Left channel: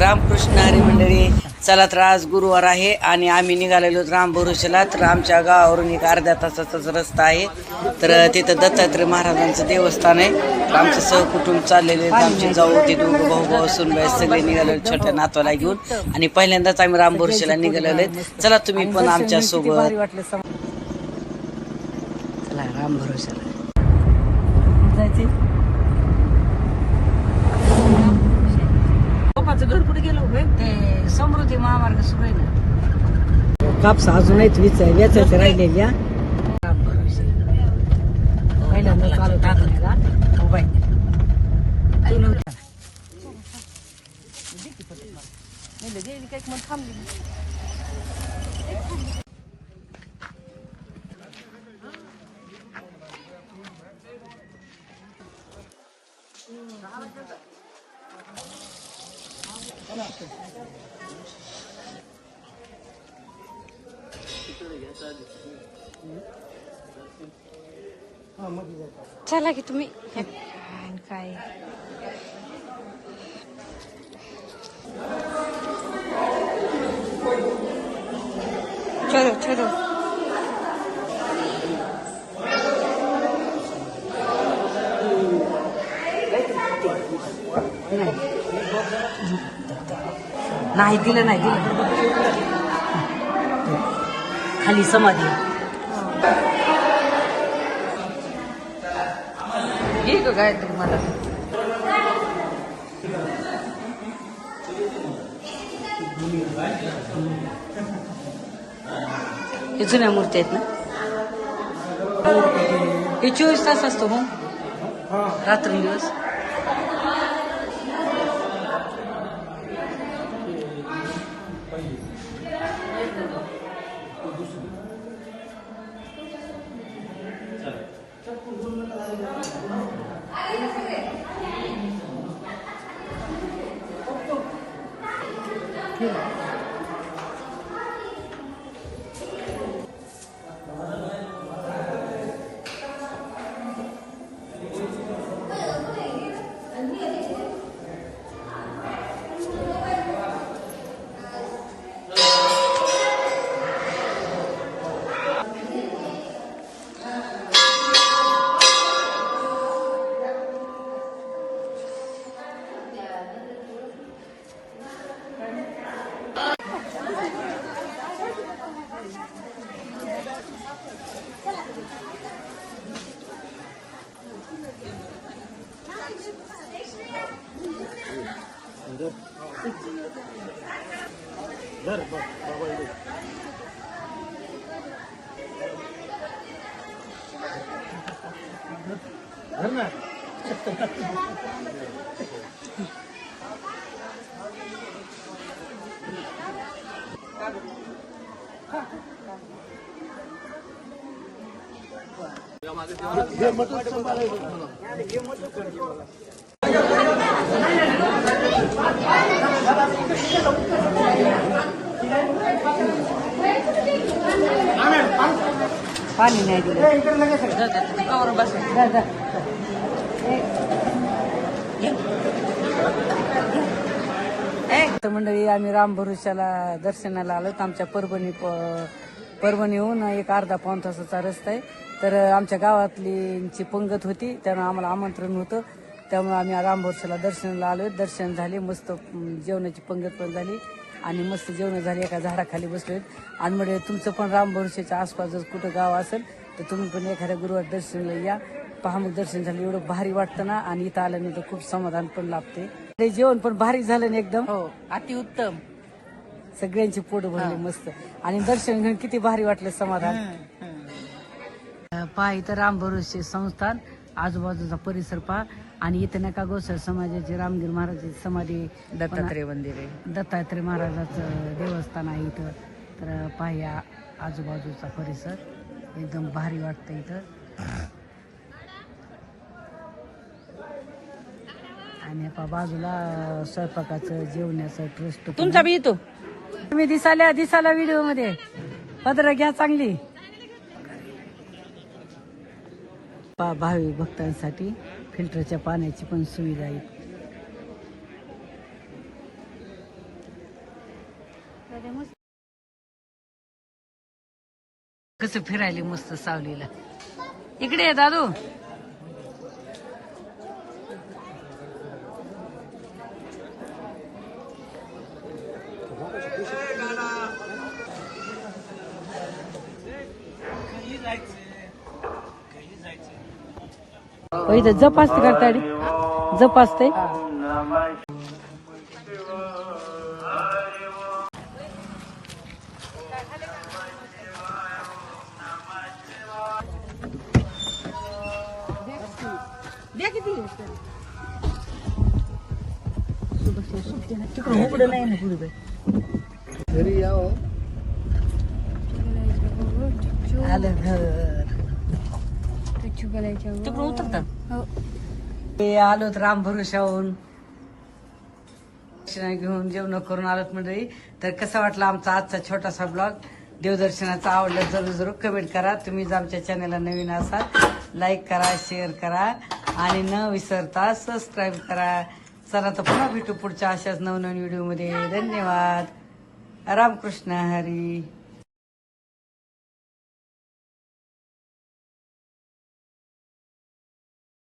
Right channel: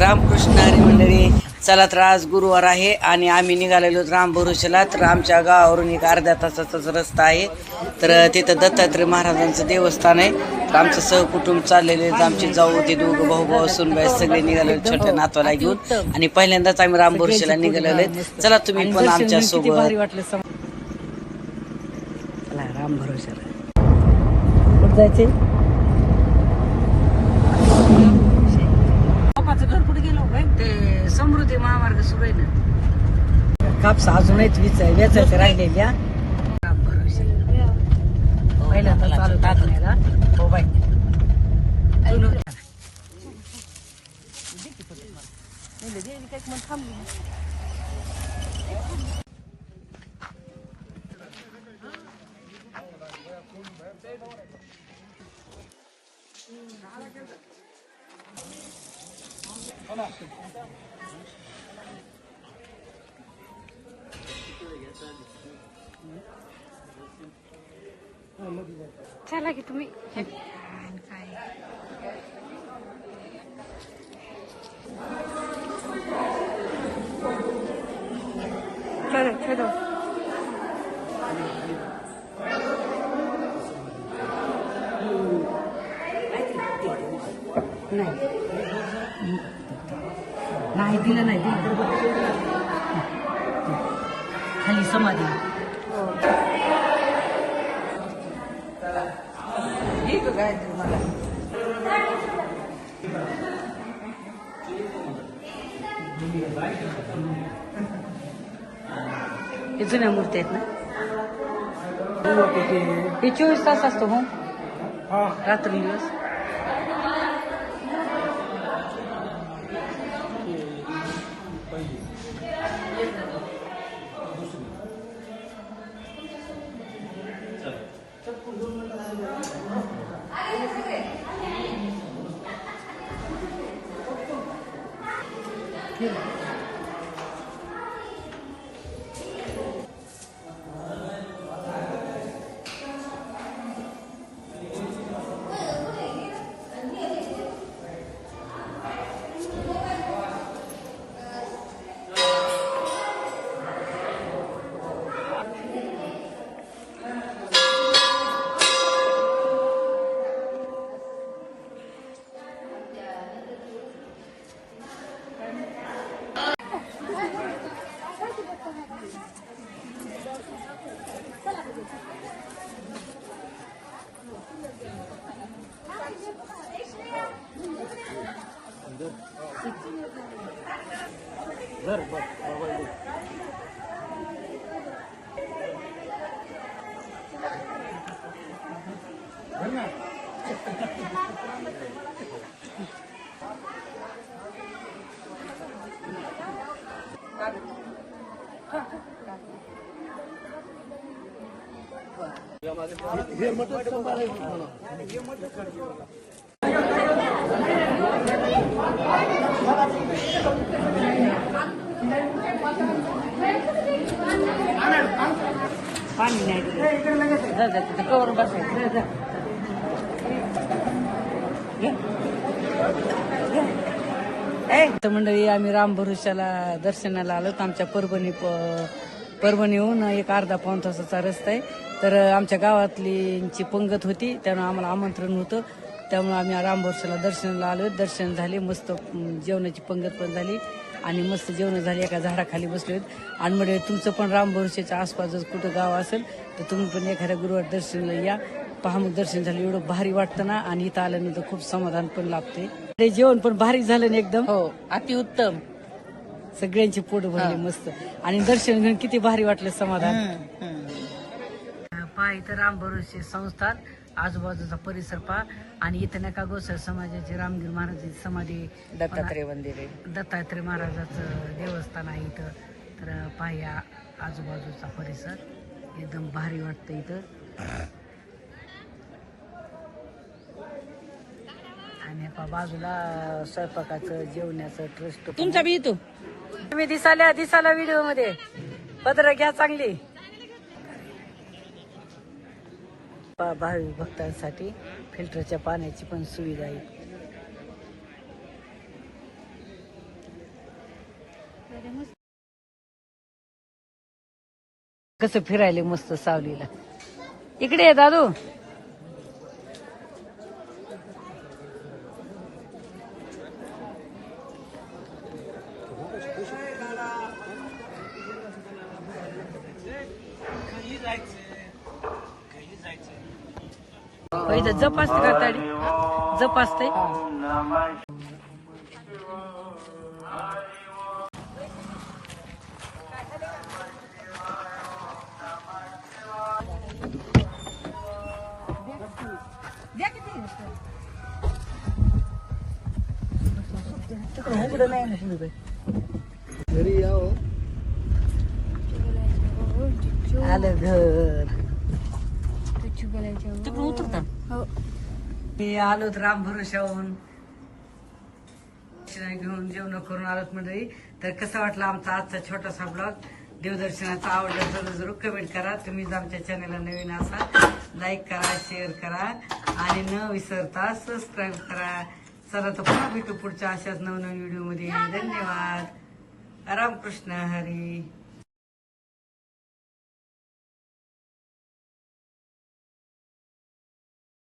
रामकृष्ण हरी मंडळी, चला तर आज गुरुवार आहे आणि आम्ही निघालेलो राम भरोशाला. तर आमच्या गावावरून एक अर्ध्या तासाचाच रस्ता आहे. तर तिथं दत्तात्रय महाराजांचं देवस्थान आहे. तर आमचं सहकुटुंब चाललेले, आमचे जाऊ ते दोघं भाऊ सुनबाई सगळे निघालेले छोट्या नातवाला घेऊन. आणि पहिल्यांदाच आम्ही राम भरोशाला निघालेलो आहे. चला तुम्ही पण आमच्या सोबत. चला राम भरोशाला जायचे. घर कुठे गेलो ते समृद्धी महामार्ग सुरू आहे ना. कापसा अजून वेचायचं राहिले घ्या. पहिल्यांदा चालू टाकायला थांबली. चला की तुम्ही काय चलो चलो. नाही दिलं, नाही दिलं. खाली समाधी काय तुम्हाला हे जुन्या मूर्ती आहेत ना. हे 24 तास असतो हो, रात्रंदिवस. पाणी नाही दिलं बसायचं. मंडळी, आम्ही राम भरोशाला दर्शनाला आलो. आमच्या परभणीहून एक अर्धा पाऊण तासाचा रस्ता आहे. तर आमच्या गावातलींची पंगत होती, त्यामुळे आम्हाला आमंत्रण होतं. त्यामुळे आम्ही राम भरोशाला दर्शनाला आलो. दर्शन झाले, मस्त जेवणाची पंगत पण झाली आणि मस्त जेवण झाली. एका झाडाखाली बसलोय. आणि म्हणजे तुमचं पण राम भरोशाच्या आसपास जर कुठं गाव असेल तर तुम्ही पण एखाद्या गुरुवार दर्शनाला या. पहा मग दर्शन झालं, एवढं भारी वाटतं ना. आणि इथं आल्यानंतर खूप समाधान पण लाभते. जेवण पण भारी झालं ना, एकदम हो, अतिउत्तम. सगळ्यांची पोट भरले मस्त. आणि दर्शन घेऊन किती भारी वाटलं, समाधान. पहा इथं राम भरोसे संस्थान, आजूबाजूचा परिसर पहा. आणि इथं नका गोसाळ समाजाची रामगिर महाराजाची समाधी, दत्तात्रय मंदिर आहे, दत्तात्रय महाराजाचं देवस्थान आहे इथं. तर पहा या आजूबाजूचा परिसर एकदम भारी वाटतं इथं. आणि बाजूला स्वयंपाकाचं जेवणाचं ट्रस्ट तुमचा बी येतो. तुम्ही दिसाला व्हिडिओ मध्ये पदर घ्या चांगली. भावी भक्तांसाठी फिल्टरच्या पाण्याची पण सुविधा आहे. कसं फिरायले मस्त सावलीला. इकडे ये दादू. इथं जप असते का गाडी? जप असते. आलं घर. तिकडून उतरता. ते आलोत राम भरोशाहून दर्शन घेऊन जेवण करून आलोत मंडळी. तर कसा वाटला आमचा आजचा छोटासा ब्लॉग? देवदर्शनाचा आवडलं जरूर जरूर कमेंट करा. तुम्ही जर आमच्या चॅनलला नवीन असाल लाईक करा, शेअर करा आणि न विसरता सबस्क्राईब करा. चला तर पुन्हा भेटू पुढच्या अशाच नवनवीन व्हिडिओमध्ये. धन्यवाद. रामकृष्ण हरी.